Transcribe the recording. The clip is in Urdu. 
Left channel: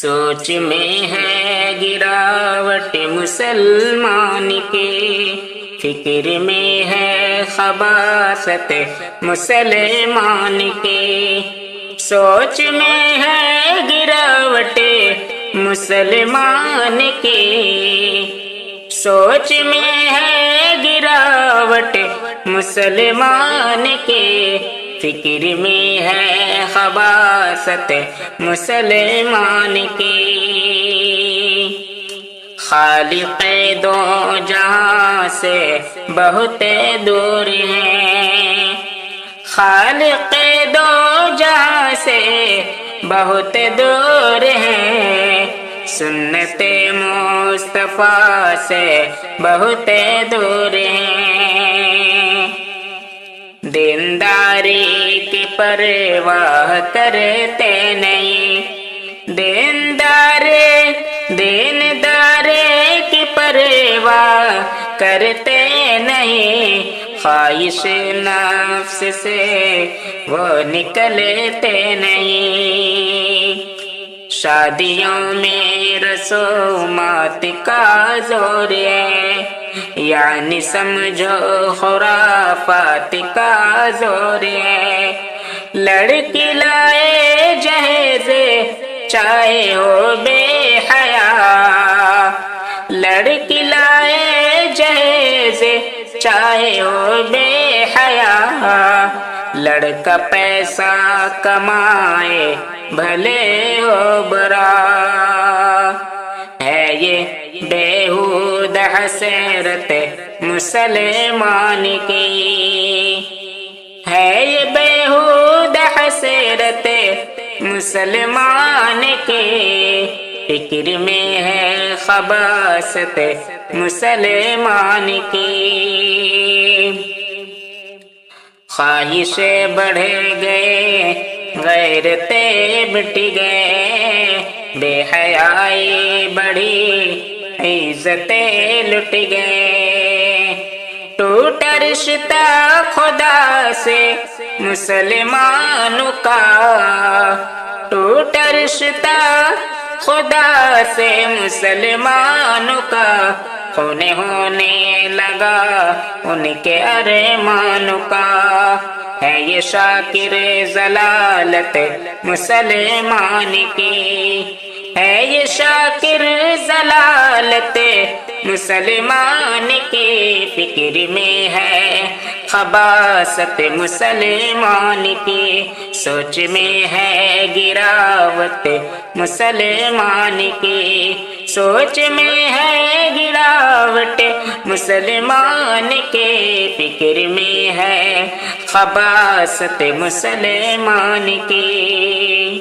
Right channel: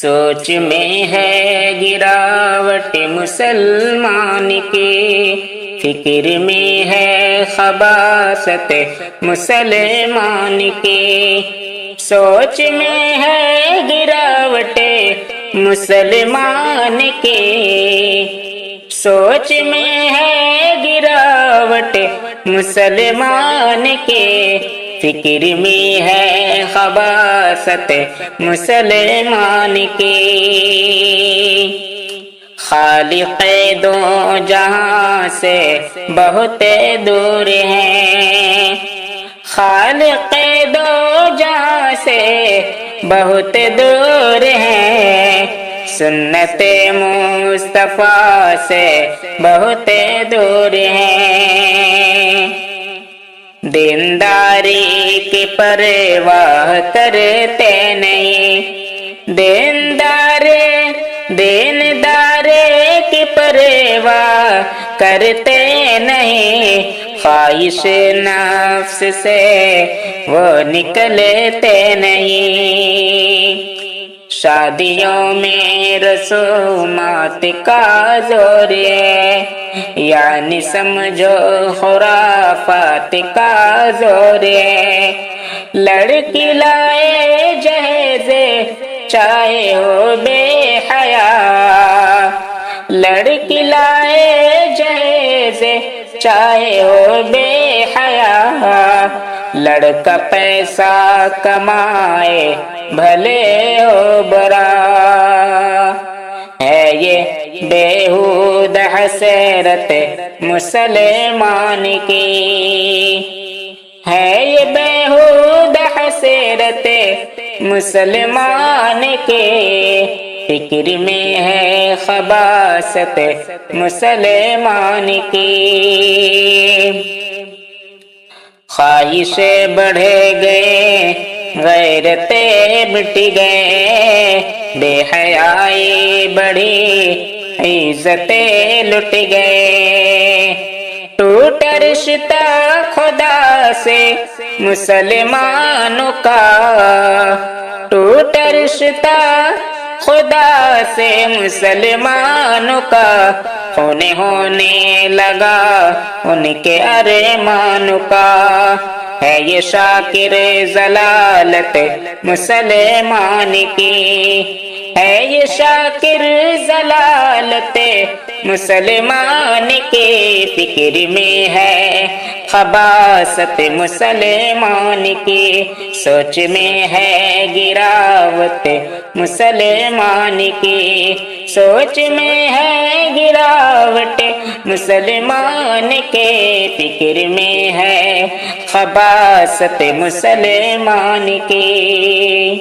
سوچ میں ہے گراوٹ مسلمان کی، فکر میں ہے خباثت مسلمان کی، سوچ میں ہے گراوٹ مسلمان کی، سوچ میں ہے گراوٹ مسلمان کی، فکر میں ہے خباثت مسلمان کی۔ خالق دو جہاں سے بہت دور ہیں، خالق دو جہاں سے بہت دور ہیں، سنت مصطفیٰ سے بہت دور ہیں، دینداری کی پرواہ کرتے نہیں، دیندار کی پرواہ کرتے نہیں، خواہش نفس سے وہ نکلتے نہیں، شادیوں میں رسومات کا زور ہے، یعنی سمجھو خرافات کا زور ہے، لڑکی لائے جہیز چاہے ہو بے حیا، لڑکی لائے جہیز چاہے ہو بے حیا، لڑکا پیسہ کمائے بھلے ہو برا، ہے یہ بیہودہ حسرت مسلمان کی، ہے یہ بیہودہ حسرت مسلمان کے، فکر میں ہے خباثت مسلمان کی، خواہشیں بڑھ گئے غیرتیں مٹ گئے، بے حیائی بڑھی عزتیں لٹ گئے، ٹوٹا رشتہ خدا سے مسلمانوں کا، ٹوٹا رشتہ خدا سے مسلمانوں کا، خون ہونے لگا ان کے ارمانوں کا، ہے یہ شاکر ضلالت مسلمان کی، ہے یہ شاکر ضلالت مسلمان کی، فکر میں ہے خباثت مسلمان کی، سوچ میں ہے گراوٹ مسلمان کی، سوچ میں ہے گراوٹ مسلمان کے، فکر میں ہے خباثت مسلمان کی۔